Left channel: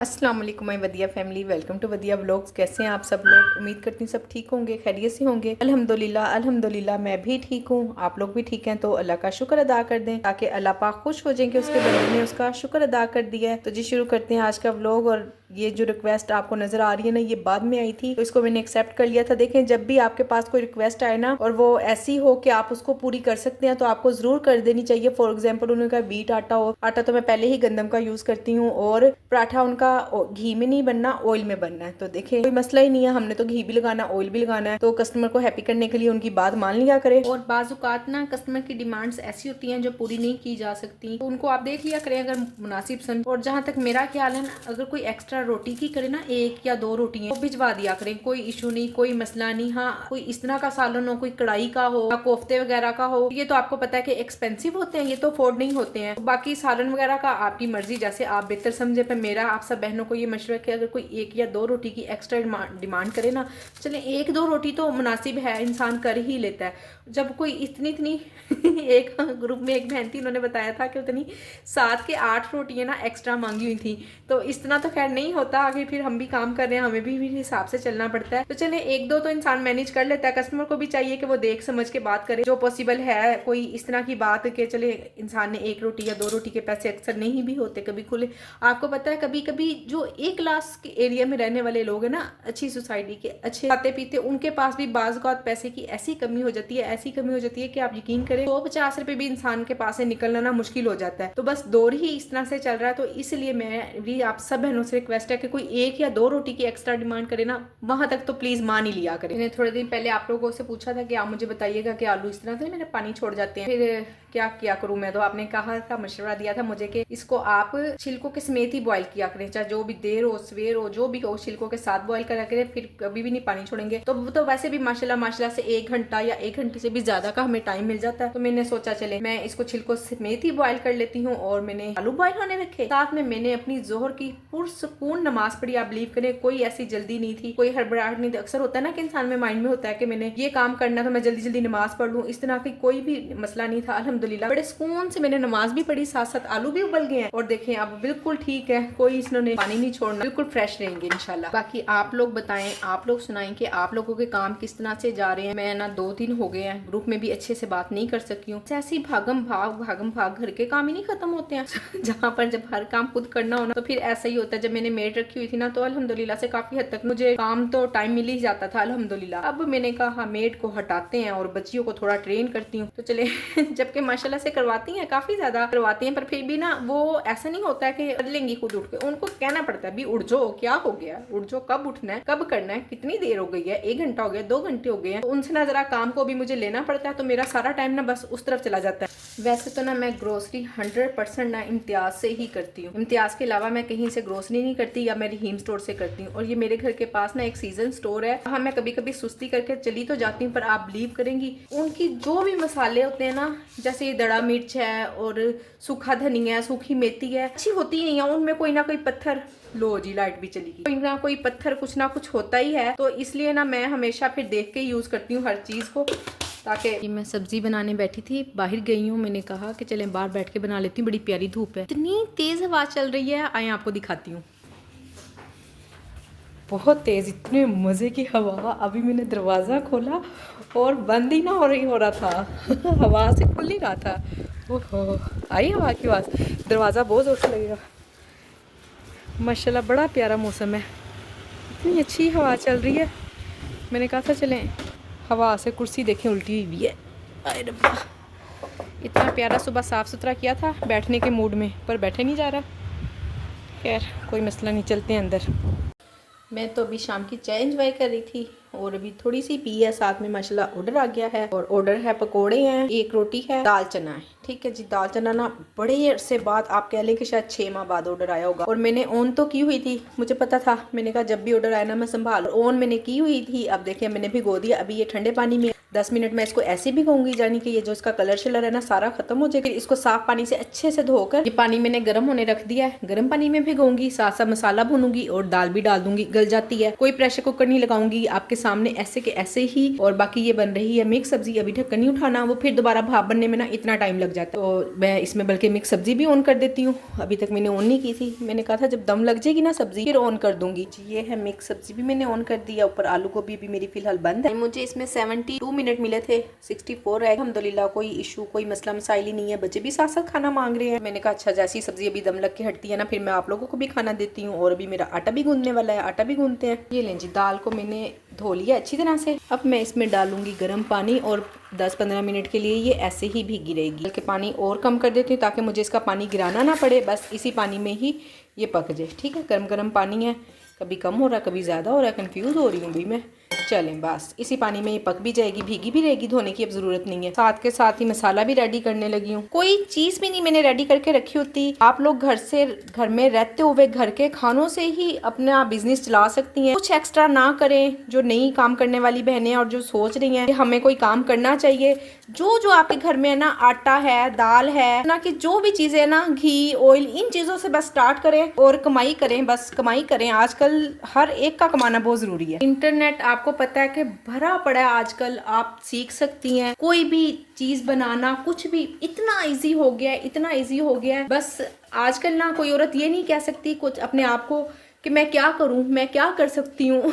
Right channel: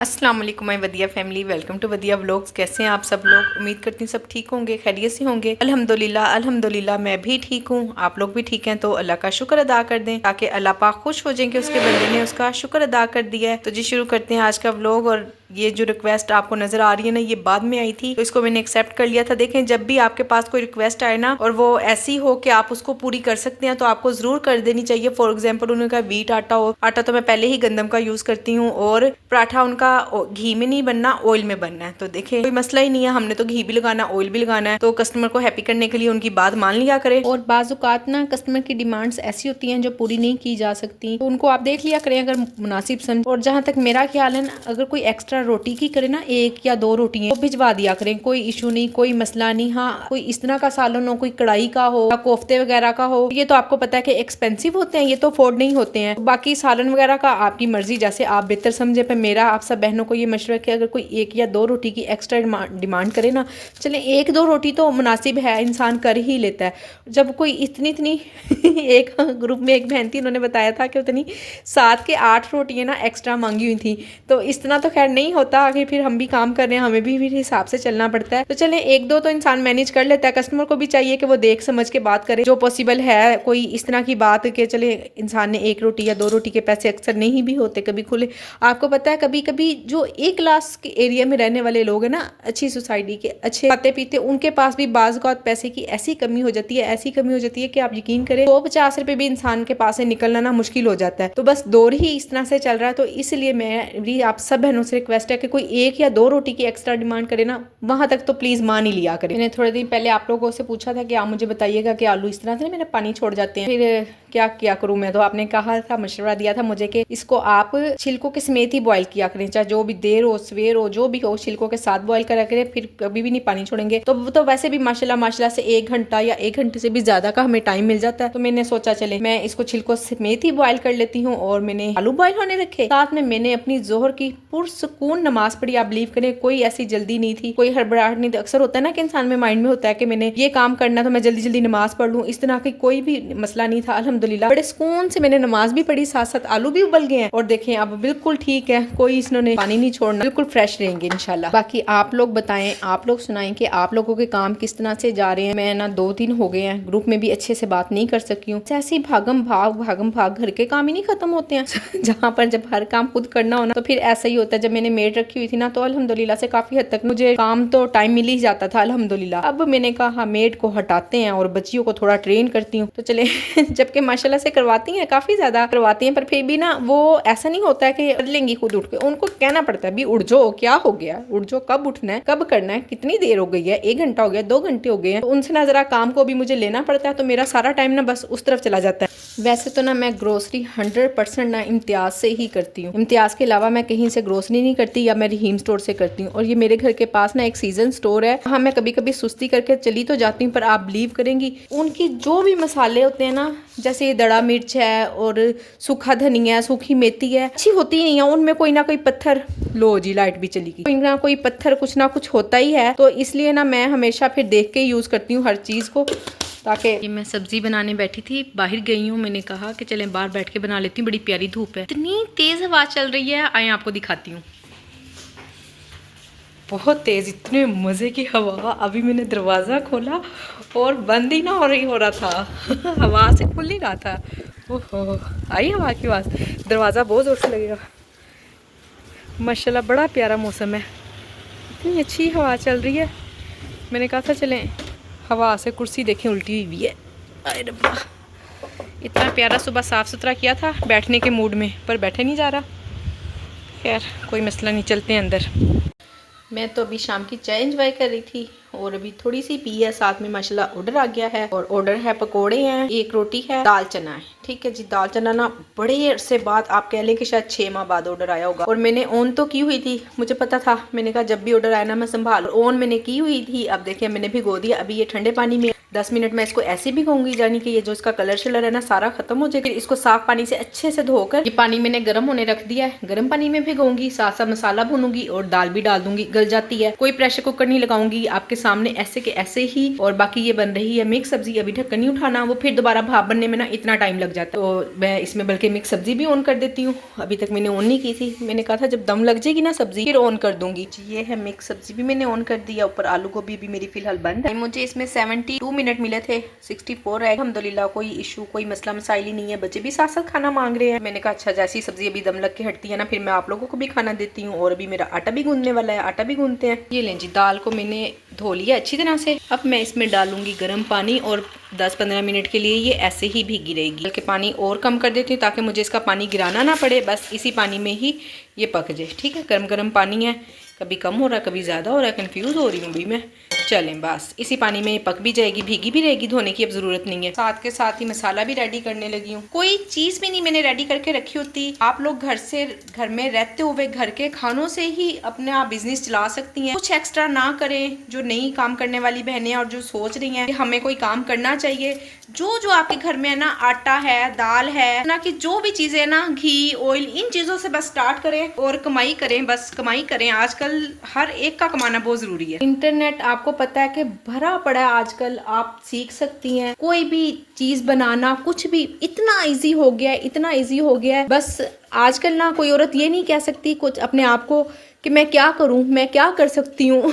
अस्सलाम वालेकुम my Vadiya family, welcome to Vadiya vlogs. कैसे हैं आप सब लोग? उम्मीद करती हूँ सब ठीक होंगे, खैरियत से होंगे। अल्हम्दुलिल्लाह अल्हम्दुलिल्लाह मैं भी ठीक हूँ। आप लोग भी ठीक हैं तो अल्लाह का शुक्र अदा कर दें ताकि अल्लाह पाक खुश हो जाएं कि उसके बंदे ने उसका शुक्र अदा कर दिया है। तो जी शुरू करते हैं आज का व्लॉग। और ये जो रिक्वेस्ट आपको नजर आ रही है ना, ये बाद में आई थी तो इसको मैंने एक्सेप्ट कर लिया था। देखें, जब भी आपके पास कोई रिक्वेस्ट आए ना और वो ऐसी हो कि आप उसको पूरी कर सकते हैं तो आपको जरूर कर देनी चाहिए। फॉर एग्जाम्पल उन्होंने कहा व्हीट आटा हो, आटा तो मैं पहले ही गंदम का यूज करती हूँ, और पराठा उनका घी में नहीं बनना, ऑयल में बनना है। तो देखिए कोई मसला ही नहीं है, हमने तो घी भी लगाना, ऑयल भी लगाना है। तो कस्टमर को हैप्पी करने के लिए उनकी बात मान लिया करे। और बाजुकात ना कस्टमर की डिमांड्स ऐसी होती हैं जो पूरी नहीं की जा सकती, तो उनको आप देख लिया करें अगर मुनासिब समझ। और जहाँ तक मेरा ख्याल है ना, अगर कोई एक्स्ट्रा रोटी की करे ना, एक या दो रोटी तो भिजवा दिया करें, कोई इशू नहीं, कोई मसला नहीं। हाँ, कोई इस तरह का सालन हो, कोई कढ़ाई का हो या कोफ्ते वगैरह का हो, ये तो आपको पता है कि एक्सपेंसिव होते हैं, ये तो अफोर्ड नहीं होते हैं। बाकी सालन वगैरह का आपकी मर्जी, जैसे आप बेहतर समझे। पर मेरा आप सब बहनों को ये मशवरा है कि अगर कोई एक या दो रोटी की एक्स्ट्रा डिमांड करे ना, चले एक दो रोटी तो मुनासिब है, इंसान कर ही लेता है। जब कोई इतनी इतनी एक ग्रुप में एक बहन थी, उन्होंने बताया था कि उतनी 7 के 8 रोटियां ना एक्स्ट्रा मांगी हुई थी। तो इस तरह तो खैर नहीं होता, आगे फिर हम भी काम कर रहे हैं, हमें भी फिर हिसाब से चलना पड़ता है। तो चले एक दो तो इंसान मैनेज कर लेता है। कस्टमर को भी चाहिए कि वो देख समझ के बात करे जो पॉसिबल है। कोई इस तरह की बात कि चले इंसान ने एक रोटी या दो रोटी के पैसे अक्सर नहीं भी होते, कभी खुले। आपको पता है कभी कभी जो एक क्लास के एरिया में रहने वाले लोग हैं ना, अच्छी सोसाइटी के, अच्छे खाते पीते, उनके पास भी बाज़-औक़ात पैसे की ऐसी कमी हो जाती है, ऐसी कमी हो जाती है कि आप यकीन करें 150 रुपए भी इंसान के पास से निकलना ना मुश्किल हो जाता है। तो बस दौर ही इस तरह से चल रहा है। तो इसलिए मेरी आप सब बहनों से रिक्वेस्ट है कि कोई एक या दो रोटी की एक्स्ट्रा डिमांड करे ना, वहां तक तो प्लीज मान ही लिया करें। मैंने थोड़े दिन पहले आप लोगों से पूछा था कि आप मुझे बताइएगा कि आलू इस तरह से मेरे पानी छोड़ जाते हैं, फिर क्या क्या करूं मैं। तो आपने कहा था, मशवरा दिया था मुझे कि इसको आप छिलकों के समेत ही बॉयल किया करें, चाहे जो भी देर हो, सवेर हो, जो भी हो, छिलकों के साथ बॉयल करा करें, फिर कभी भी नहीं पानी छोड़ेंगे। तो वैसे भी माशाल्लाह से 1 घंटा या 1 घंटे से भी ज्यादा का हमें टाइम मिल जाता है। तो मैंने सोचा चले मैं इसको छिलकों समेत ही बॉयल कर लेती हूँ। और मैंने आलू बॉयल होने रखे, साथ में मैंने अपनी जोहर की पुरसुकून नमाज पढ़ी। आप बिलीव करें, कोई ऐसी जल्दी नहीं थी, कोई हड़बड़ाहट नहीं थी। अक्सर होता है ना कि इंसान में माइंड में होता है कि मैंने ये काम करना है तो मैं जल्दी जल्दी नमाज पढ़ लूँ, इस तरह की कोई भी मसला नहीं था। अल्हम्दुलिल्लाह बड़े सुकून से मैंने नमाज भी पढ़ी, साथ साथ आलू भी उबल गए हैं। और देखें अब बिल्कुल ठीक है, कोई इसने पानी नहीं छोड़ना, बिल्कुल फ्रेश रहेंगे इंशाल्लाह। बाकी आप लोग बताएं, आप लोग सुनाएं कि आप लोगों के काम किस तरह से जा रहे हैं। मैं ना 2 दिन हो गए हैं, ग्रुप में भी अच्छे से बात नहीं कर सकी हूँ। ऐसे ही भागम भाग घर के काम ही नहीं खत्म होते हैं। जहाँ पर जब हर काम खुद करना हो ना, तो फिर ऐसा ही होता है। जब मैंने मेड रखी हुई थी ना, तो अल्हम्दुलिल्लाह से काफी हद तक मुझे काम तो टाइम मिल ही जाता था अल्हम्दुलिल्लाह। अब मैंने कहा मेड को हटाते हैं और बच्चियों को थोड़ा ट्रेन करती हूँ। तो चले जबकि माशाल्लाह से करवाती हैं, काफी ज्यादा करवाती हैं, पर फिर भी ना वो ऐसा नहीं होता है कि कर लेंगी खुद उठ के। उनको कहना पड़ता है भी उठ जाओ, क्या हो गया, उठ जाओ, कब उठना है, कब करना है, कितनी देर हो गई है, 1 घंटा हो गया, 2 घंटे हो गए हैं। तो उनसे ना जरा काम को भी मुझे लेना पड़ता है। तो मेरा सारा टाइम ना बस उस तरफ चला जाता है। वैसे तो ना मैं ग्रोसरी 100% ना इम्तियाज से ही करती हूँ। इम्तियाज के अलावा मैं कहीं से ग्रोसरी नहीं करती, या मैं रहीम स्टोर से करती हूँ। और ये मेरे घर के पास ना एक सीजन स्टोर है, वहाँ मैं कभी कभी सुस्ती करके चली तो जाती हूँ। पर आप बिलीव करेंगी, उनकी जो भी मसाले होते हैं ना, जैसे ये दड़ा मिर्च है और सूखा धनिया है, सूखी मेथी है, अच्छी होती नहीं है। उनमें कोई ना कोई पत्थर, लो जी लाइट भी चली गई, कोई ना कोई पत्थर, कुछ ना कुछ होता ही है। तो इसलिए ना मैं हमेशा फिर देख के यूज करती हूँ हर चीज को। ताकि मैं सब्जी बनाने बैठी थी, बाहर गई हूँ, मैंने कहा कि चलें बाहर बैठ के बना लेती हूँ। बड़ी प्यारी धूप है, इतनी तेज हवा चल रही है, आए आपको दिखाती हूँ। बहुत तेज, इतने मजे की हवा। अभी मैंने दरवाजा खोला और बंद ही ना हो रहा था हवा से खुल नहीं रहा था। ओहो, आई हवा की आवाज, दरवाजा बहुत जोर से लगेगा। माशाल्लाह बड़ा प्यारा मौसम है, इतनी अच्छी हवा चल रही है। मैंने कहा था चलें हवा से, कुर्सी देखें उल्टी हुई है, अरे रब्बा। इतना प्यारा सुबह साफ़ सुथरा किया था बैठने के मूड में, पर बैठे नहीं जा रहा। खैर कोई मसला नहीं, चलते हैं अंदर। मैं तो अभी शाम की चाय एंजॉय कर रही थी और अभी थोड़ी सी पी है। साथ में माशाल्लाह ऑर्डर आ गया है, और ऑर्डर है पकोड़े हैं, 1 रोटी है, दाल चना है। ठीक है जी, दाल चना ना बड़े अरसे बाद, आप कह लें कि शायद 6 माह बाद ऑर्डर आया होगा। और मैंने ऑन तो की हुई थी, मुझे पता था, मैंने कहा जब भी ऑर्डर आया ना मैं संभाल। ऑन मैंने की हुई थी। अब देखिए मैंने भिगो दिया, अभी ये ठंडे पानी में 10 मिनट में इसको ऐसे भिगोऊंगी, यानी कि ये जो इसका कलर शलर है ना सारा खत्म हो जाएगा। इसको साफ पानी से अच्छे से धोकर, ये पानी मैंने गर्म होने रख दिया है, गर्म पानी में भिगोऊंगी, साथ साथ मसाला भूनूंगी और दाल भी डाल दूंगी, गल जाती है। कोई प्रेशर कुकर नहीं लगाऊंगी, आपके सामने ऐसे के ऐसे ही। और बाकी ये बन रही है मिक्स सब्जी, अभी ढक्कन नहीं उठाना, वो फिर दोबारा भाप बनने में ना इतना टाइम लग जाता है। तो मैं इसमें बल्कि मिक्स सब्जी भी ऑन कर देती हूँ, अभी तक मैंने ऑन नहीं की थी। मैंने कहा था जब दम लग जाएगी ना सब्जी फिर ऑन कर दूंगी। ये है मिक्स सब्जी भी मैंने ऑन कर दिया, ऊपर आलू गोभी भी मेरी फिलहाल बंद है। मुझे इसमें 72 मिनट मिले थे, 64 है। अल्हम्दुलिल्लाह कोई इशू कोई मसला मसाइल ही नहीं है, बच्चे भी साथ साथ खाना मांग रहे हैं। मैंने कहा अच्छा जैसी सब्जी अभी दम लग के हटती है ना फिर मैं आप लोगों को भी खाना देती हूँ। और अभी मेरा आटा भी गूंदने वाला है, आटा भी गूंदते हैं। ये लें जी, दाल को मैंने धो लिया अच्छी तरह से। अब मैं इसमें डालूंगी गर्म पानी और 10-15 मिनट के लिए ये ऐसे ही भीगी रहेगी। बल्कि पानी और कम कर देती हूँ ताकि मुझे इसका पानी गिराना ना पड़े, बस इसी पानी में ही ये पक जाए। ठीक है, गर्म गर्म पानी है, कभी कम हो रहा है कभी ज़्यादा हो रहा है, कंफ्यूज हो रही हूँ भी मैं। चलें बस इसी पानी में ये पक भी जाएगी, भीगी भी रहेगी, धोने की अब ज़रूरत नहीं है। साथ के साथ ही मसाला भी रेडी करने लगी हूँ। कोई चीज़ भी नहीं मैंने रेडी करके रखी होती। आप लोग घर में रहते हुए घर के खानों से ही अपना बिजनेस चला सकती हैं। कुछ एक्स्ट्रा ना करें। जो नई काम करने वाली बहनें और जो सोच रही हैं कि हमें कोई काम करना चाहिए, जो आपके घर में है ना, आटा है, दाल है ना, कि जो भी चीज़ें ना, घी ऑयल, इन चीज़ों से बस स्टार्ट करें और कमाई करें, बस कमाई करें। आजकल हर एक का कमाना बहुत ज़रूरी है। इंटरनेट आपको पता है कि भरा पड़ा है आजकल, आप सीख सकती हैं कोई भी चीज़ बनाना, कुछ भी इतना इजी हो गया है, इतना इजी हो गया है। बस आजकल ना कोई औरत ये नहीं कह सकती कुछ अपने आप को कि मैं क्या करूं, मैं क्या कर सकती हूँ।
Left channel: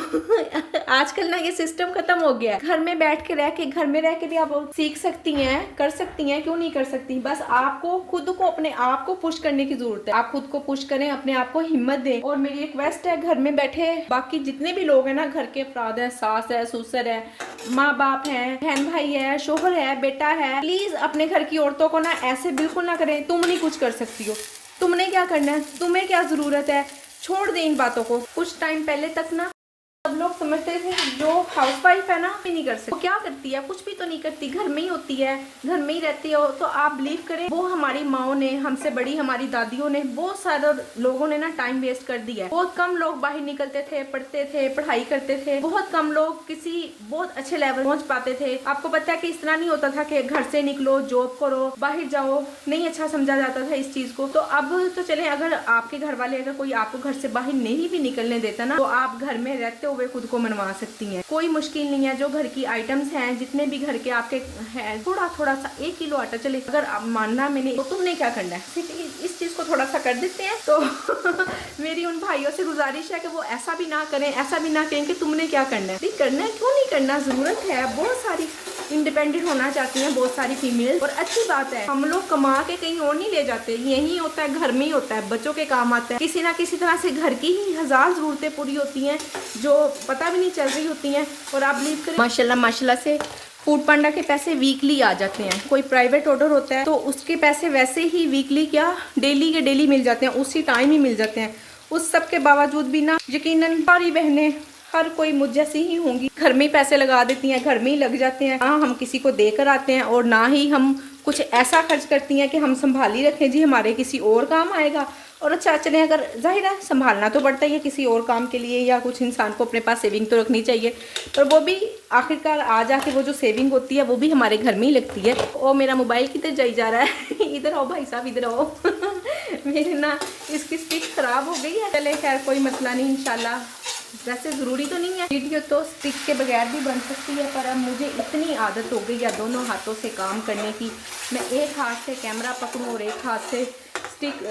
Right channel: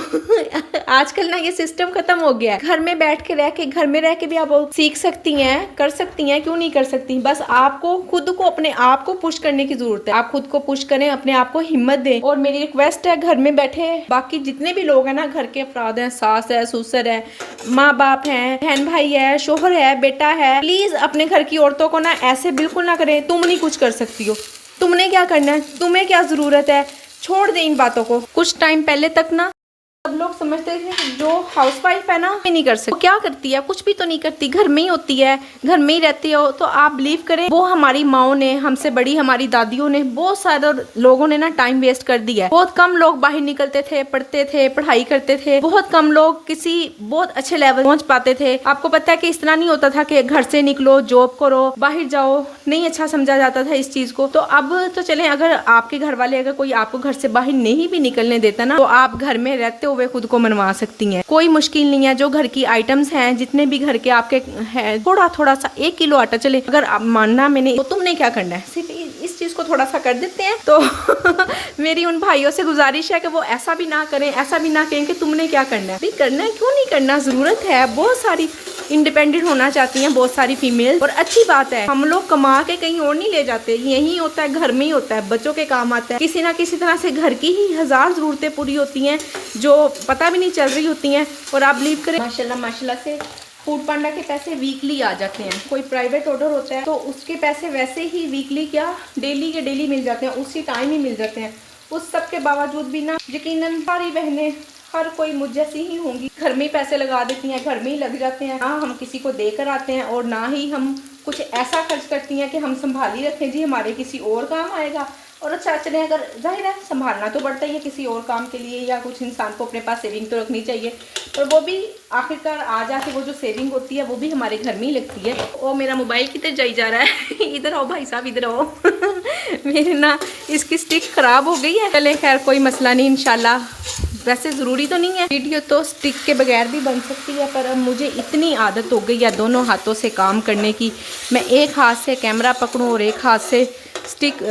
आजकल ना ये सिस्टम खत्म हो गया है। घर में बैठ के घर में रह के भी आप सीख सकती हैं, कर सकती हैं, क्यों नहीं कर सकती। बस आपको खुद को अपने आप को पुश करने की जरूरत है। आप खुद को पुश करें, अपने आप को हिम्मत दें। और मेरी रिक्वेस्ट है घर में बैठे बाकी जितने भी लोग हैं ना, घर के अफराद हैं, सास है, ससुर है, माँ बाप हैं, बहन भाई है, शोहर है, बेटा है, प्लीज अपने घर की औरतों को ना ऐसे बिल्कुल ना करें तुम नहीं कुछ कर सकती हो, तुमने क्या करना है, तुम्हें क्या जरूरत है। छोड़ दें इन बातों को। कुछ टाइम पहले तक ना सब लोग समझते थे जो हाउसवाइफ है ना नहीं कर सकती, क्या करती है, कुछ भी तो नहीं करती, घर में ही होती है, घर में ही रहती हो। तो आप बिलीव करें, वो हमारी माओ ने, हमसे बड़ी हमारी दादियों ने, बहुत सारे लोगों ने ना टाइम वेस्ट कर दिया है। बहुत कम लोग बाहर निकलते थे, पढ़ते थे, पढ़ाई करते थे। बहुत कम लोग किसी बहुत अच्छे लेवल पहुंच पाते थे। आपको पता है कि इस तरह नहीं होता था कि घर से निकलो, जॉब करो, बाहर जाओ, नहीं अच्छा समझा जाता था इस चीज को। तो अब तो चले, अगर आपके घर वाले अगर कोई आपको घर से बाहर नहीं भी निकलने देता ना, तो आप घर में रहते हुए खुद को मनवा सकती हैं। कोई मुश्किल नहीं है। जो घर की आइटम्स हैं, जितने भी घर के आपके हैं, थोड़ा थोड़ा सा 1 किलो आटा चले, अगर आप मानना मैंने, तो तुमने क्या करना है, सिर्फ इस चीज को थोड़ा सा कर देते हैं। तो मेरी उन भाइयों से गुजारिश है कि वो ऐसा भी ना करें, ऐसा भी ना कहें कि तुमने क्या करना है। करना है, क्यों नहीं करना, जरूरत है। बहुत सारी इंडिपेंडेंट होना चाहती हैं बहुत सारी फीमेल, और अच्छी बात है। हम लोग कमा के कहीं और नहीं ले जाते, यही होता है, घर में ही होता है, बच्चों के काम आता है। किसी ना किसी तरह से घर की ही 1000 जरूरतें पूरी होती हैं जो पता भी नहीं चल रही होती हैं। और आप बिलीव करें, माशाल्लाह से फूड पांडा के पैसे वीकली आ जाते हैं। कोई प्राइवेट ऑर्डर होता है तो उसके पैसे वैसे ही वीकली क्या डेली के डेली मिल जाते हैं, उसी टाइम ही मिल जाते हैं। उस सब के बावजूद भी ना, यकीनन सारी बहनें, हर कोई मुझ जैसी ही होंगी, घर में ही पैसे लगा देती हैं, घर में ही लग जाते हैं। हाँ, हम किसी को देकर आते हैं और ना ही हम कुछ ऐसा खर्च करती हैं कि हम संभाली रखें जी, हमारे किसी और काम आएगा। और अच्छा चलें, अगर जाहिर है संभालना तो पड़ता ही है किसी और काम के लिए, या कुछ इंसान को अपने पास सेविंग तो रखनी चाहिए। पर वो भी आखिरकार आ जाके वो जो सेविंग होती है वो भी हमारे घर में ही लगती है। और मेरा मोबाइल किधर जाई जा रहा है। इधर आओ भाई साहब, इधर आओ। मेरे ना इसकी स्टिक खराब हो गई है। चले खैर कोई मसला नहीं, इंशाल्लाह। वैसे ज़रूरी तो नहीं है, वीडियो तो स्टिक के बगैर भी बन सकती है, पर अब मुझे इतनी आदत हो गई है दोनों हाथों से काम करने की। मैं एक हाथ से कैमरा पकड़ूं और एक हाथ से स्टिक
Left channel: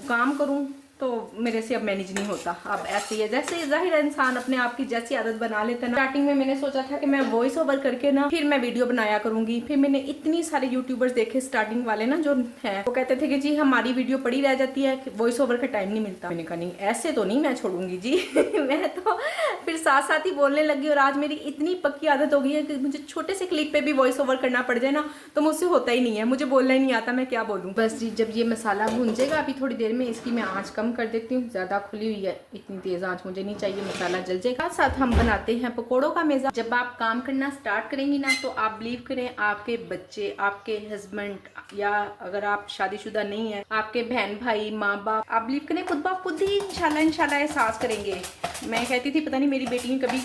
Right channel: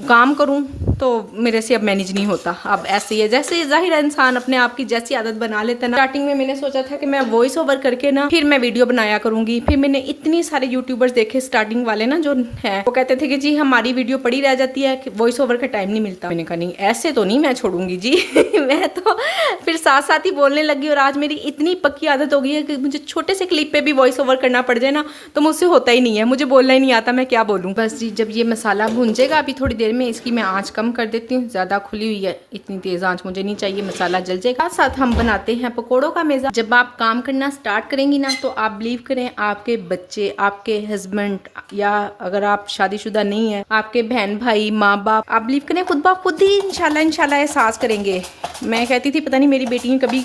काम करूं, तो मेरे से अब मैनेज नहीं होता। अब ऐसे ही है, जैसे जाहिर है इंसान अपने आप की जैसी आदत बना लेता है ना। स्टार्टिंग में मैंने सोचा था कि मैं वॉइस ओवर करके ना फिर मैं वीडियो बनाया करूंगी। फिर मैंने इतनी सारे यूट्यूबर्स देखे स्टार्टिंग वाले ना जो है, वो कहते थे कि जी हमारी वीडियो पड़ी रह जाती है, वॉइस ओवर का टाइम नहीं मिलता। मैंने कहा नहीं, ऐसे तो नहीं मैं छोड़ूंगी जी। मैं तो फिर साथ साथ ही बोलने लगी। और आज मेरी इतनी पक्की आदत हो गई है कि मुझे छोटे से क्लिप पे भी वॉइस ओवर करना पड़ जाए ना, तो मुझसे होता ही नहीं है, मुझे बोलना ही नहीं आता, मैं क्या बोलूँ। बस जी, जब ये मसाला भूंजेगा अभी थोड़ी देर में, इसकी मैं आँच कम कर देती हूँ। ज़्यादा खुली हुई है, इतनी तेज़ आंच मुझे नहीं चाहिए, मसाला जल जाएगा। साथ हम बनाते हैं पकोड़ों का मेज़ा। जब आप काम करना स्टार्ट करेंगी ना, तो आप बिलीव करें, आपके बच्चे, आपके हस्बैंड, या अगर आप शादीशुदा नहीं है, आपके बहन भाई, माँ बाप, आप बिलीव करें खुद ब खुद ही इंशाल्लाह एहसास करेंगे। मैं कहती थी पता नहीं मेरी बेटी कभी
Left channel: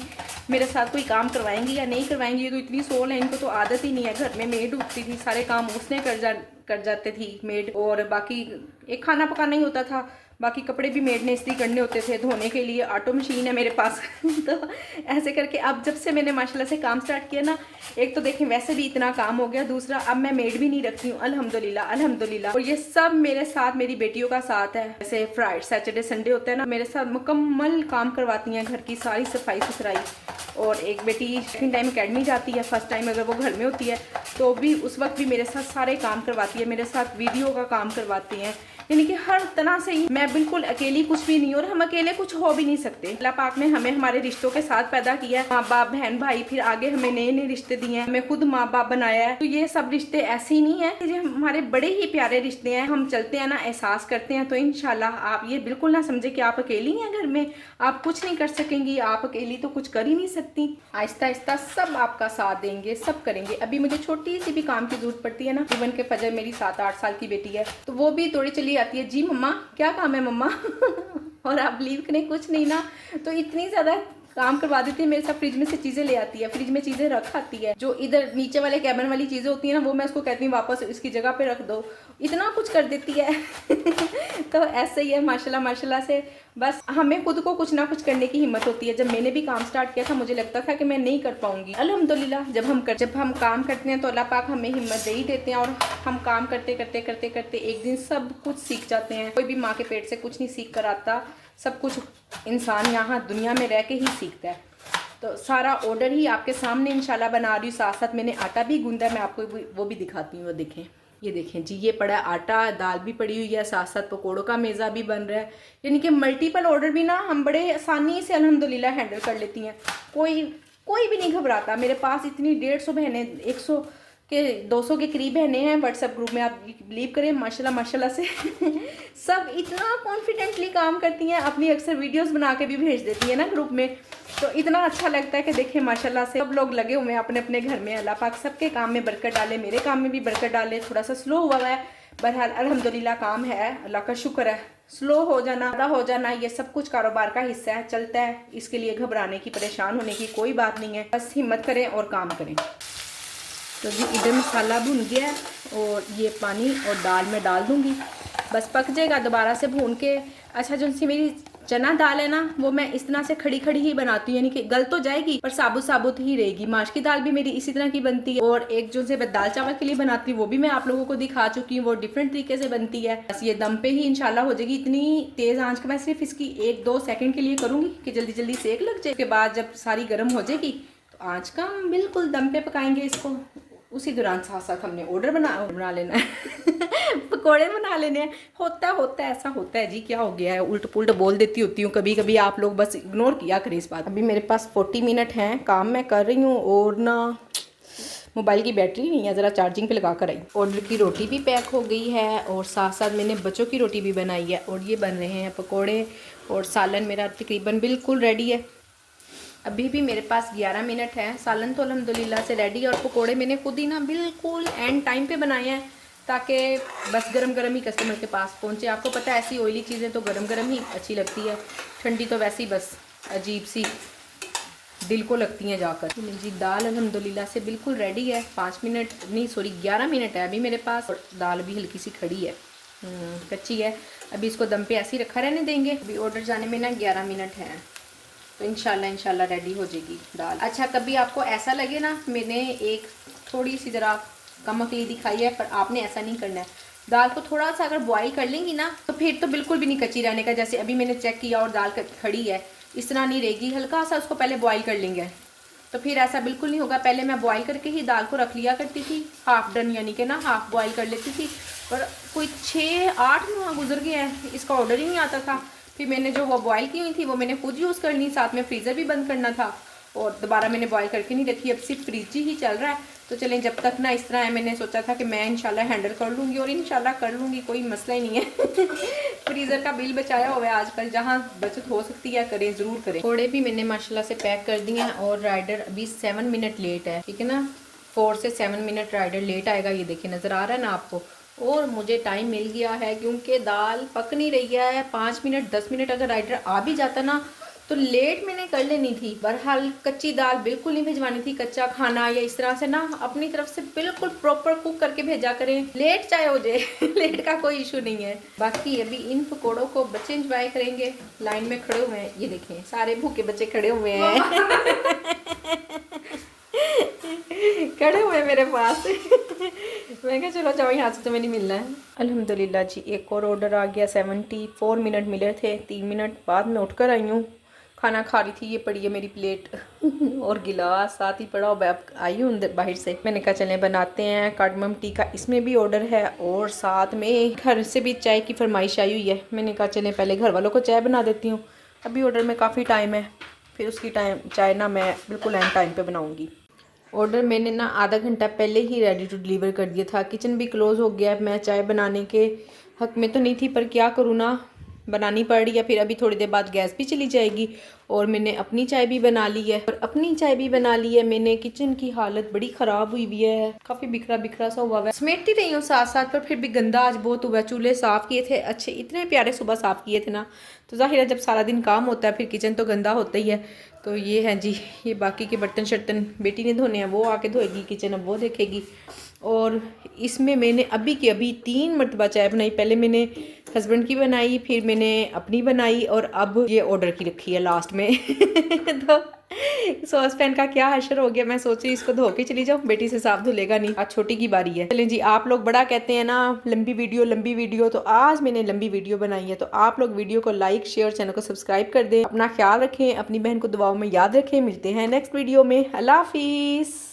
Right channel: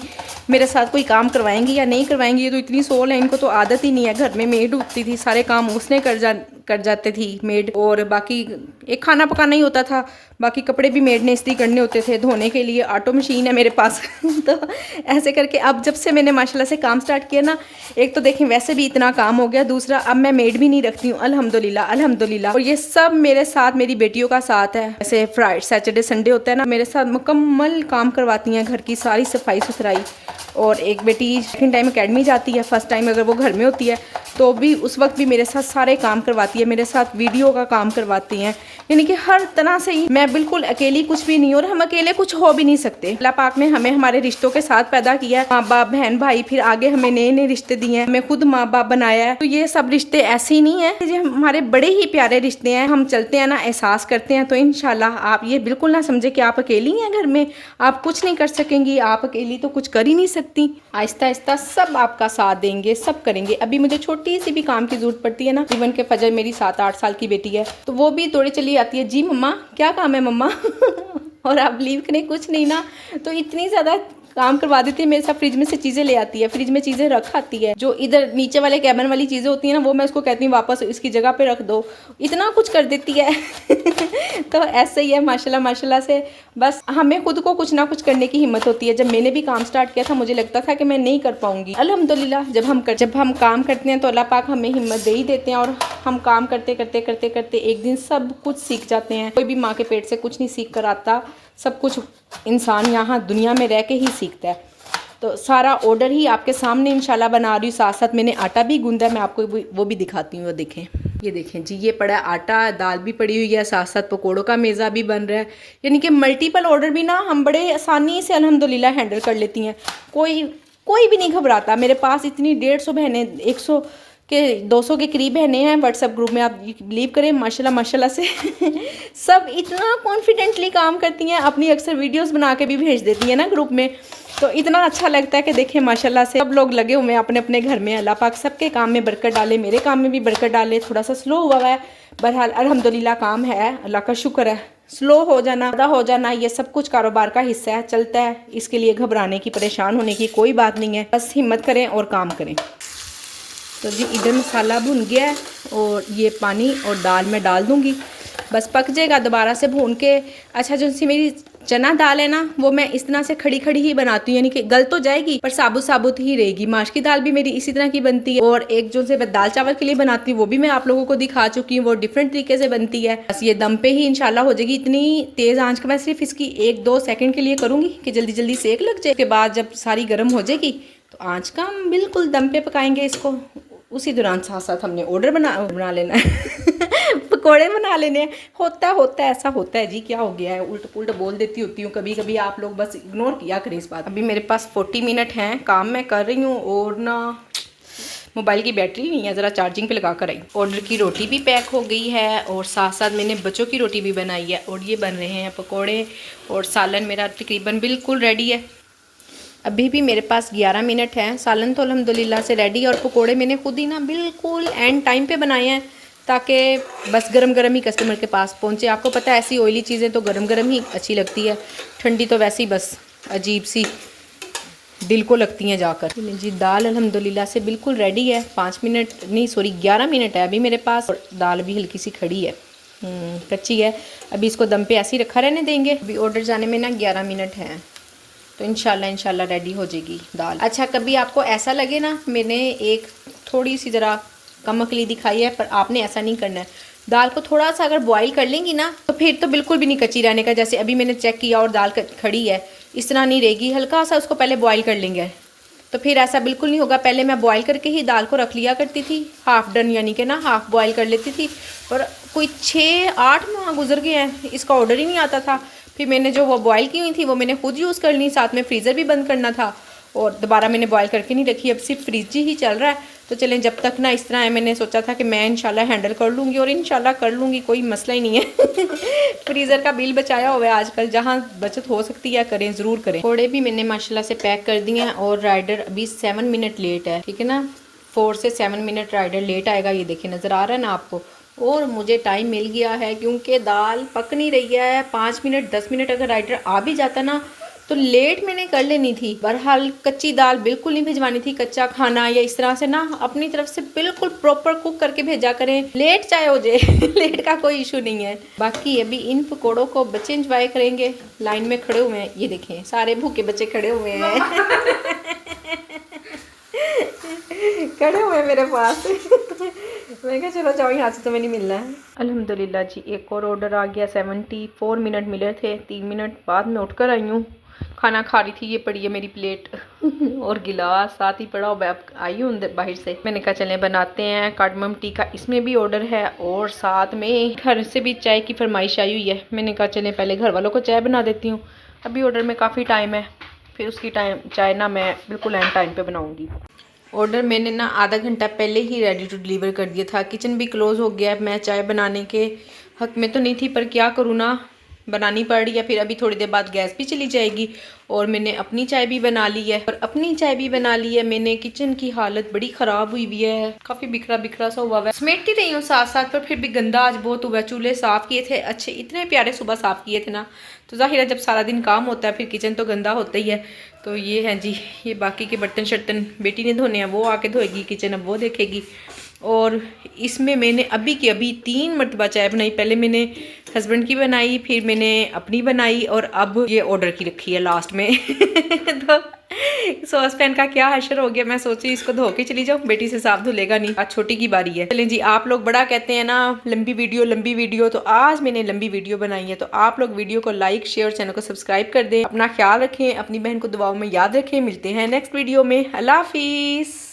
मेरे साथ कोई काम करवाएंगी या नहीं करवाएंगी, ये तो इतनी सोल है, इनको तो आदत ही नहीं है। घर में मेड उठती थी, सारे काम उसने कर जाते थी मेड, और बाकी एक खाना पकाना ही होता था, बाकी कपड़े भी मेड ने इसलिए करने होते थे धोने के लिए। ऑटो मशीन है मेरे पास तो ऐसे करके अब जब से मैंने माशाल्लाह से काम स्टार्ट किया ना, एक तो देखें वैसे भी इतना काम हो गया, दूसरा अब मैं मेड भी नहीं रखती हूँ, अल्हम्दुलिल्लाह अल्हम्दुलिल्लाह। और ये सब मेरे साथ मेरी बेटियों का साथ है। जैसे फ्राइडे सैटरडे संडे होता है ना, मेरे साथ मुकम्मल काम करवाती हैं, घर की सारी सफाई सुथराई। और एक बेटी सेकंड टाइम अकेडमी जाती है, फर्स्ट टाइम अगर वो घर में होती है तो भी उस वक्त भी मेरे साथ सारे काम करवाती है, मेरे साथ वीडियो का काम करवाती हैं, यानी कि हर तरह से ही मैं बिल्कुल अकेली कुछ भी नहीं, और हम अकेले कुछ हो भी नहीं सकते। अल्लाह पाक ने हमें हमारे रिश्तों के साथ पैदा किया है, माँ बाप बहन भाई, फिर आगे हमें नए नए रिश्ते दिए हैं, हमें खुद माँ बाप बनाया है। तो ये सब रिश्ते ऐसे ही नहीं है, ये हमारे बड़े ही प्यारे रिश्ते हैं। हम चलते हैं ना, एहसास करते हैं, तो इंशाल्लाह आप ये बिल्कुल ना समझे कि आप अकेली हैं घर में, आप कुछ नहीं कर सकेंगी, आप अकेली तो कुछ कर ही नहीं सकती। आहिस्ता आहिस्ता सब आपका साथ देंगे, सब करेंगे। अभी मुझे छोटी सी भी काम की जरूरत पड़ती है ना, इवन के फजर मेरी 7-8 साल की बेटी है, तो वो भी थोड़ी चली आती है, जी मम्मा क्या काम है मम्मा और आप लीव करें कुछ नहीं ना, तो इतनी ज़्यादा काम करवा देती है मेरे साथ। फ्रिज में से चीज़ें ले आती है, फ्रिज में चीज़ें रख आती है, जो इधर नीचे वाले कैबिन वाली चीज़ें होती हैं ना, वो मैं उसको कहती हूँ वापस इसकी जगह पे रख दो, इतना कुछ कर देती है तो ऐसे ही है माशाल्लाह माशाल्लाह से। बस हमें खुद को कुछ ना कुछ करने की हिम्मत होती है। जब मैंने भी काम स्टार्ट किया था मुझे लगता था कि मैं नहीं कर पाऊंगी, अल्हम्दुलिल्लाह जब हम काम करते हैं तो अल्लाह पाक हमें हिम्मत दे ही देते हैं, और हम काम करते करते करते करते एक दिन सब कुछ सीख जाते हैं। कोई भी माँ के पेट से कुछ नहीं सीख कर आता, सब कुछ इंसान यहाँ दुनिया में रह के ही सीखता है। तो सारा ऑर्डर ही आपके सामने इंशाल्लाह बना रही हूँ, साथ साथ मैंने आटा भी गूंदा है, मैं आपको वो भी दिखाती हूँ। वो देखें, ये देखें जी, ये पड़ा आटा, दाल भी पड़ी हुई है, साथ साथ पकौड़ों का मेज़ा भी बन रहा है। यानी कि मल्टीपल ऑर्डर भी ना हम बड़े आसानी से अल्हम्दुलिल्लाह हैंडल कर लेती हैं, कोई भी नहीं घबराता। मेरे पास इतनी 150 बहनें, 100 के 200 के करीब बहनें हैं व्हाट्सएप ग्रुप में, आप बिलीव करें माशाल्लाह माशाल्लाह से सब इतना कॉन्फिडेंटली काम करती हैं, अपनी अक्सर वीडियोस बना के भी भेज देती हैं ना ग्रुप में, तो इतना अच्छा लगता है कि देखें माशाल्लाह से सब लोग लगे हुए हैं अपने अपने घर में। अल्लाह पाक सबके काम में बरकत डाले, मेरे काम में भी बरकत डाले। थोड़ा सा स्लो हुआ है, बहरहाल अल्हम्दुलिल्लाह काम है, अल्लाह का शुक्र है। स्लो हो जाना, ज़्यादा हो जाना, ये सब कुछ कारोबार का हिस्सा है, चलता है, इसके लिए घबराने की, परेशान होने की कोई बात नहीं है। बस हिम्मत करें और काम करें। तो जी इधर मसाला भुन गया है, और ये पानी और दाल मैं डाल दूँगी, बस पक जाएगा। दोबारा से भून के, अच्छा जो सी मेरी चना दाल है ना, वो मैं इस तरह से खड़ी खड़ी ही बनाती हूँ, यानी कि गल तो जाएगी पर साबुत साबुत ही रहेगी। माश की दाल भी मेरी इसी तरह की बनती है, और एक जो से दाल चावल के लिए बनाती हूँ वो भी मैं आप लोगों को दिखा चुकी हूँ, वो डिफरेंट तरीके से बनती है। बस ये दम पे ही इंशाल्लाह हो जाएगी। इतनी तेज़ आंच का मैं सिर्फ इसकी 1-2 सेकंड के लिए करूँगी कि जल्दी जल्दी सेक लग जाए। उसके बाद जब सारी गर्म हो जाएगी तो आँच का हम बिल्कुल दम पे पकाएंगे इसको। उसी दौरान साथ साथ हमने ऑर्डर बना लेना है पकोड़े बना लेने हैं। होता है ऐसा होता है जी, क्या हो गया है, उल्ट पुल्ट बोल देती होती हूँ कभी कभी, आप लोग बस इग्नोर किया करें इस बात। अभी मेरे पास 40 मिनट हैं, काम मैं कर रही हूँ, और ना मोबाइल की बैटरी नहीं है, ज़रा चार्जिंग पे लगा कर आई। ऑर्डर की रोटी भी पैक हो गई है, और साथ साथ मैंने बच्चों की रोटी भी बनाई है, और ये बन रहे हैं पकोड़े, और सालन मेरा तकरीबन बिल्कुल रेडी है। अभी भी मेरे पास 11 मिनट हैं, सालन तो अल्हम्दुलिल्लाह से रेडी, और पकोड़े मैंने खुद ही ना बिल्कुल एंड टाइम पे बनाए हैं, ताकि बस गरम गरम ही कस्टमर के पास पहुंचे। आपको पता है ऐसी ऑयली चीज़ें तो गरम गरम ही अच्छी लगती है, ठंडी तो वैसे ही बस अजीब सी दिल को लगती हैं जाकर। जी दाल अल्हम्दुलिल्लाह से बिल्कुल रेडी है, 5 मिनट नहीं सॉरी 11 मिनट है अभी मेरे पास, और दाल भी हल्की सी खड़ी है, कच्ची है। अभी इसको दम पे ऐसे ही रखा रहने देंगे। अभी ऑर्डर जाने में ना 11 मिनट हैं, तो इंशाल्लाह रेडी हो जाएगी दाल। अच्छा कभी आपको ऐसा लगे ना, मैंने एक थोड़ी सी ज़रा कम अकली दिखाई है, पर आपने ऐसा नहीं करना है। दाल को थोड़ा सा अगर बॉईल कर लेंगी ना, तो फिर तो बिल्कुल भी नहीं कच्ची रहने का। जैसे अभी मैंने चेक किया और दाल खड़ी है, इस तरह नहीं रहेगी। हल्का सा उसको पहले बॉईल कर लेंगे, तो फिर ऐसा बिल्कुल नहीं होगा। पहले मैं बॉईल करके ही दाल को रख लिया करती थी, हाफ़ डन यानी कि ना हाफ़ बॉईल कर लेती थी, और कोई 6-8 माह गुजर गए हैं, इसका ऑर्डर ही नहीं आता था। फिर मैंने जो वो बॉईल की हुई थी वो मैंने खुद यूज़ कर ली, साथ में फ्रीज़र भी बंद करना था, और दोबारा मैंने बॉईल करके नहीं रखी। अब सिर्फ फ्रिज ही चल रहा है, तो चलें जब तक ना इस तरह है, मैंने सोचा था कि मैं इंशाल्लाह हैंडल कर लूँगी, और इंशाल्लाह कर लूँगी, कोई मसला ही नहीं है फ्रीज़र का बिल बचाया हुआ है आजकल, जहाँ बचत हो सकती है करें, ज़रूर करें। पकौड़े भी मैंने माशाल्लाह से पैक कर दिए हैं, और राइडर अभी 7 मिनट लेट है, ठीक है ना, 4 से 7 मिनट राइडर लेट आएगा। ये देखिए नज़र आ रहा है ना आपको, और मुझे टाइम मिल गया है क्योंकि दाल पक नहीं रही है। 5 मिनट 10 मिनट अगर राइडर आ भी जाता ना, तो लेट मैंने कर लेनी थी। बहरहाल कच्ची दाल बिल्कुल नहीं भिजवानी थी, कच्चा खाना या इस तरह से ना अपनी तरफ से बिल्कुल प्रॉपर कुक करके भेजा करें, लेट चाहे हो जाए लेट का कोई इशू नहीं है। बाकी अभी इन पकौड़ों को बच्चे इंजॉय करेंगे, लाइन में खड़े हुए हैं, ये देखें सारे भूखे बच्चे खड़े हुए हैं खड़े हुए हैं मेरे पास मैं कहा चलो जाओ, यहाँ से तुम्हें नहीं मिलना है। अल्हम्दुलिल्लाह जी, एक और ऑर्डर आ गया। 74 मिनट मिले थे, 3 मिनट बाद मैं उठकर आई हूँ, खाना खा रही थी। ये पड़ी है मेरी प्लेट और गिलास साथ ही पड़ा हुआ। आई हूँ बाहर से, मैंने कहा चलें बनाते हैं कार्डमम टी का, इसमें भी ऑर्डर है और साथ में घर से भी चाय की फरमाइश आई हुई है। मैंने कहा चलें पहले घर वालों को चाय बना देती हूँ, अभी ऑर्डर में काफ़ी टाइम है, फिर उसकी चाय ना मैं बिल्कुल एंड टाइम पर बनाऊँगी। ऑर्डर मैंने ना आधा घंटा पहले ही रेडी टू डिलीवर कर दिया था, किचन भी क्लोज़ हो गया। मैं चाय बनाने के हक में तो नहीं थी, पर क्या करूँ ना, बनानी पड़ रही है। फिर अभी थोड़ी देर बाद गैस भी चली जाएगी और मैंने अपनी चाय भी बना ली है। और अपनी चाय भी बना ली है मैंने। किचन की हालत बड़ी ख़राब हुई हुई है, काफ़ी बिखरा बिखरा सा हुआ है। समेटती रही हूँ साथ साथ, पर फिर भी गंदा आज बहुत हुआ। चूल्हे साफ़ किए थे अच्छे, इतने प्यारे सुबह साफ़ किए थे ना, तो ज़ाहिर है जब सारा दिन काम होता है फिर किचन तो गंदा होता ही है। तो ये है जी, ये बाकी के बर्तन शर्तन बेटी ने धोने हैं, वो आके धोएगी किचन, अब वो देखेगी। और इसमें मैंने अभी की अभी 3 मरतबा चाय बनाई। पहले मैंने हस्बैंड की बनाई, फिर मैंने अपनी बनाई और अब ये ऑर्डर की रखी है लास्ट में तो सॉस पैन का क्या हशर हो गया। मैं सोची इसको धो के चली जाऊँ, बेटी से साफ धुलेगा नहीं, आज छोटी की बारी है। चलें जी, आप लोग बड़ा कहते हैं ना लंबी वीडियो, तो आज मैंने लंबी वीडियो बनाई है। तो आप लोग वीडियो को लाइक शेयर, चैनल को सब्सक्राइब कर दें। अपना ख्याल रखें, अपनी बहन को दुआओं में याद रखें। मिलते हैं नेक्स्ट वीडियो में। अल्लाह हाफिज़।